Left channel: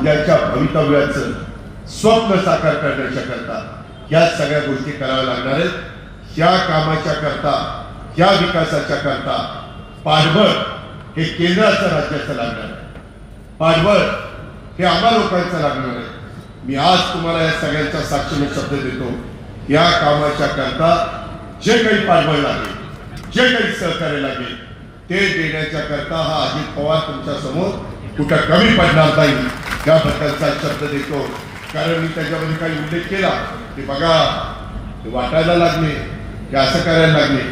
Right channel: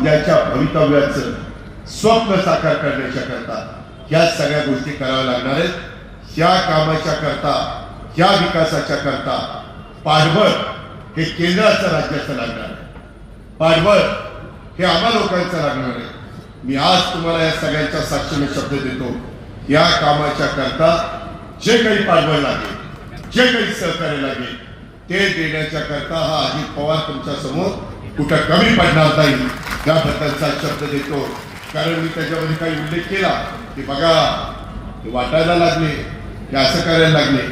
उद्याच्या भवितव्याचं स्वप्न साकार करण्याच्या करता या सगळ्या गोष्टी कराव्या लागणार आहेत. या कामाच्या करता या विकासाच्या करता पाठबळ हे केंद्राचं राज्याचं लागणार आहे. पाठबळ हे आम्हा लोकांचं लागणार आहे. मी आज तुम्हाला या सगळ्यांच्या साक्षीने शब्द देतो या कामाच्या करता जे काही पाठबळ लागेल जे काही सहकार्य लागेल ते देण्याच्या करता हा अजित पवार तुमच्यासमोर कुठं कमी पडणार नाही. याबद्दलचा शब्द देतो? कारण मी त्याच्यामध्ये काही उल्लेख केला. की बघा ते वाटायला लागले ते असं करायला लागले.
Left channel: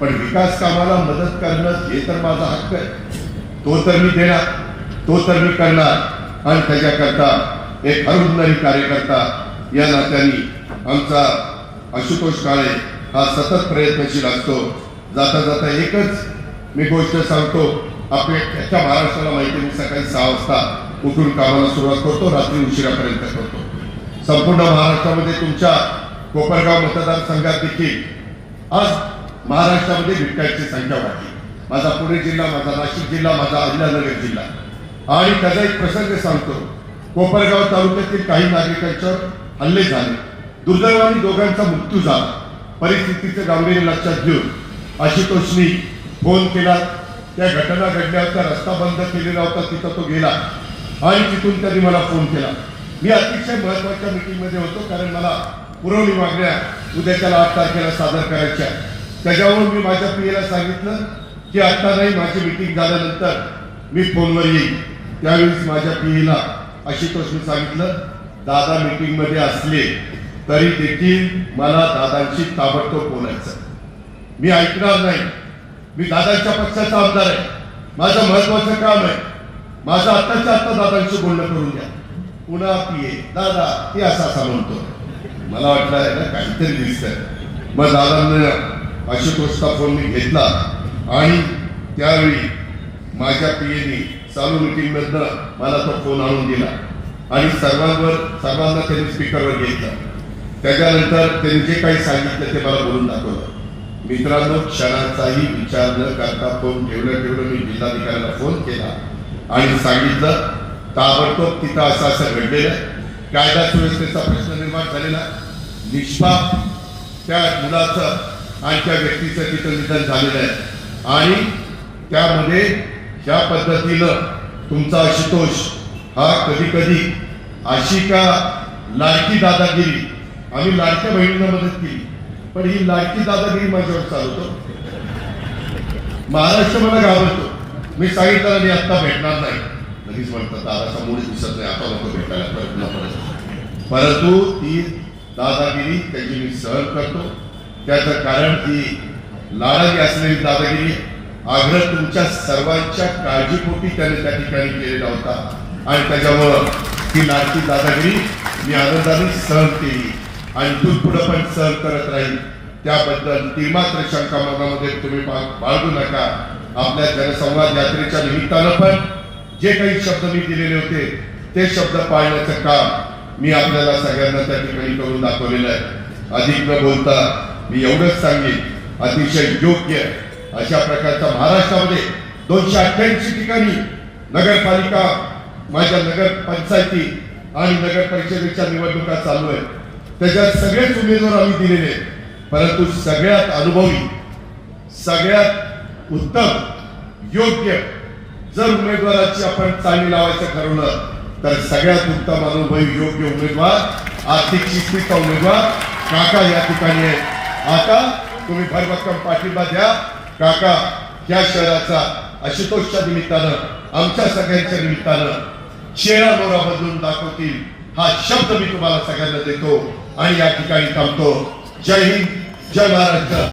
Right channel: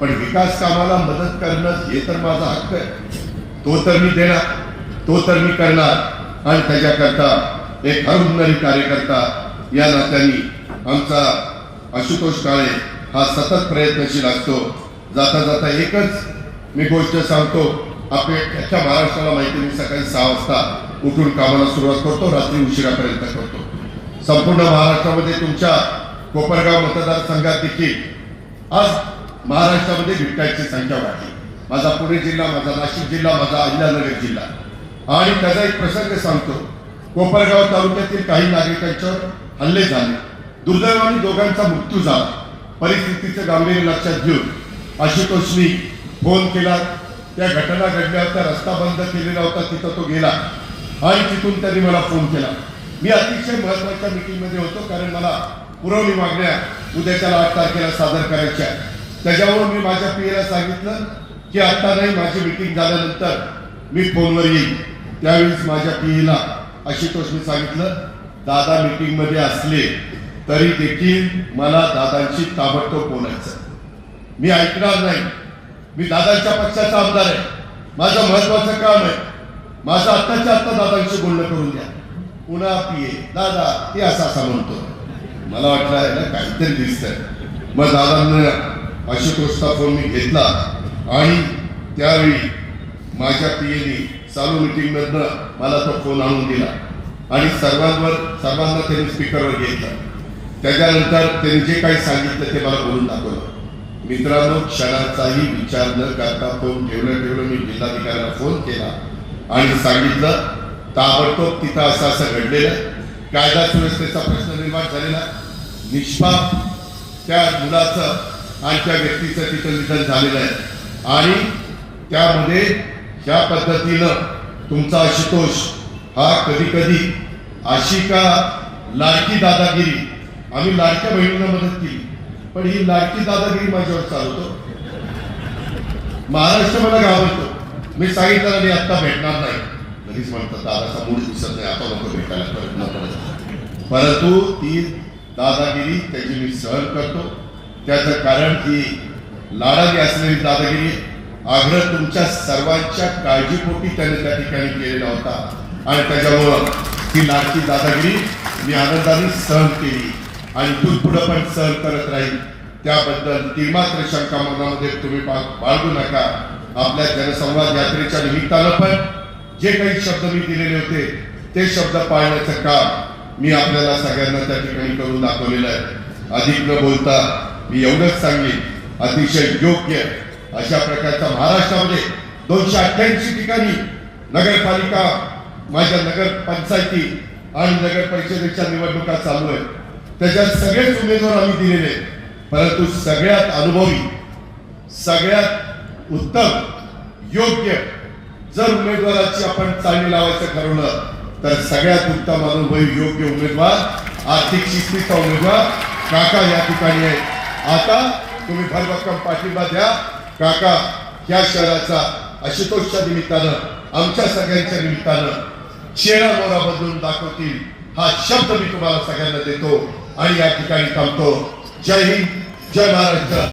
पण विकास कामाला मदत करणं हे तर माझा हक्क आहे. तो तर मी देणार तो तर मी करणार. आणि त्याच्याकरता एक हरहुन्नरी कार्यकर्ता या नात्याने आमचा आशुतोष काळे हा सतत प्रयत्नशील असतो. जाता जाता एकच मी गोष्ट सांगतो. आपल्या अख्ख्या महाराष्ट्राला माहिती मी सकाळी सहा वाजता उठून कामाला सुरुवात करतो रात्री उशिरापर्यंत करतो. संपूर्ण महाराष्ट्रामध्ये तुमच्या कोपरगाव मतदारसंघात देखील आज महाराष्ट्रामध्ये बिबट्याची संख्या वाढली. माझा पुणे जिल्हा माझा नाशिक जिल्हा माझा अहिल्यानगर जिल्हा. आणि त्याचा एक प्रसंग सांगतो. कोपरगाव तालुक्यातील काही नागरिकांच्यावर हल्ले झाले. दुर्दैवाने दोघांचा मृत्यू झाला. परिस्थितीचं गांभीर्य लक्षात घेऊन आशुतोषनी फोन केला. त्या घटना घडल्या होत्या रस्ता बंद केलेला होता तिथं तो गेला. आणि तिथून त्यांनी मला फोन केला. मी अतिशय महत्त्वाच्या मीटिंगमध्ये होतो कारण मला पुरवणी मागण्या उद्याच्या आठ तारखेला सादर करायच्या. त्याच्यावर मी माझ्या पीएला सांगितलं की आता नाही माझी मीटिंग झाल्यानंतर मी फोनवर येईल त्यावेळेस माझ्या पीएला आशुतोष मी सांगितलं दादा मीटिंगमध्ये असले तरी देखील मला दादांशी ताबडतोब बोलायचं. मी ऐकणार नाही. मी दादांच्या पक्षाचा आमदार आहे. माझं महत्वाचं काम आहे. माझं आत्ताच्या आत्ता दादांशी बोलणं करून द्या पुन्हा पिये दादा हे असा असा म्हणतो. मला वाटलं आहे ना काहीतरी दिसतंय. मग दादांना गोष्टा फोन मी घेतला. आणि त्यावेळी माझ्या पियेनी चालू मीटिंग मधनं मला तो फोन आणून दिला. आणि सर्वांवर सर्वांना त्यांनी स्पीकरवर घेतला. त्याच्यानंतर त्यांनी जे काही सांगितलं ते मला बोलून दाखवलं. मित्रांनो क्षणाचाही विचार न करता फोन ठेवलं ठेवलं मी जिल्हाधिकाऱ्यांना फोन केला. आणि सांगितलं ताबडतोब तिथं असं असं घडलेलं. आहे. कायदा सुव्यवस्थेचा प्रश्न निर्माण झालेला. निष्पाप त्या मुलाचं आणि त्या व्यक्तीचं तिथं निधन झालेलं आहे. आणि त्यामध्ये ज्या पद्धतीनं तुमचा आशुतोष हा कधी कधी अशी का लाडकी दादागिरी आम्ही लाडक्या बहिणींना मदत केली. पण ही लाडकी दादागिरी माझ्यावर चालवतो. महाराष्ट्र मला घाबरतो मी सांगितलं मी आत्ता भेटणार नाही. लगेच म्हणतात दादाचा मूड दिसत नाही आता नको भेटायला परंतु ती दादागिरी त्याची मी सहन करतो. त्याचं कारण की लाडागी असलेली दादागिरी आग्रह तुमच्या सर्वांच्या काळजीपोटी त्याने त्या ठिकाणी केलेला होता. आणि त्याच्यामुळं ती लाडकी दादागिरी मी आनंदाने सहन केली. आणि तू पुढं पण सहन करत राहील त्याबद्दल ती मात्र शंका मनामध्ये तुम्ही बाळगू नका. आपल्या जनसंवाद यात्रेच्या निमित्तानं पण जे काही शब्द मी दिलेले होते ते शब्द पाळण्याचं काम मी आपल्याला सगळ्यांना त्या ठिकाणी करून दाखवलेलं आहे अधिक न बोलता मी एवढंच सांगेन अतिशय योग्य अशा प्रकारच्या महाराष्ट्रामध्ये दोनशे अठ्ठ्याऐंशी ठिकाणी नगरपालिका माझ्या नगर पंचायती आणि नगर परिषदेच्या निवडणुका चालू आहेत त्याच्यात सगळेच उमेदवार आम्ही दिलेले आहेत. परंतु सगळ्यात अनुभवी सगळ्यात उत्तम योग्य. जर उमेदवाराची आपण चांगली लावायचं ठरवलं तर सगळ्यात उत्तम अनुभवी योग्य उमेदवार आर्थिक शिस्तीचा उमेदवार काका या ठिकाणी आहे आता तुम्ही भरभक्कम पाठिंबा द्या. काका या शहराचा आशुतोषच्या निमित्तानं आमच्या सगळ्यांच्या निमित्तानं चेहरा मोरा बदलून दाखवतील. हा शब्द मी तुम्हाला सगळ्यांना देतो आणि या ठिकाणी थांबतो. जय हिंद जय महाराष्ट्र.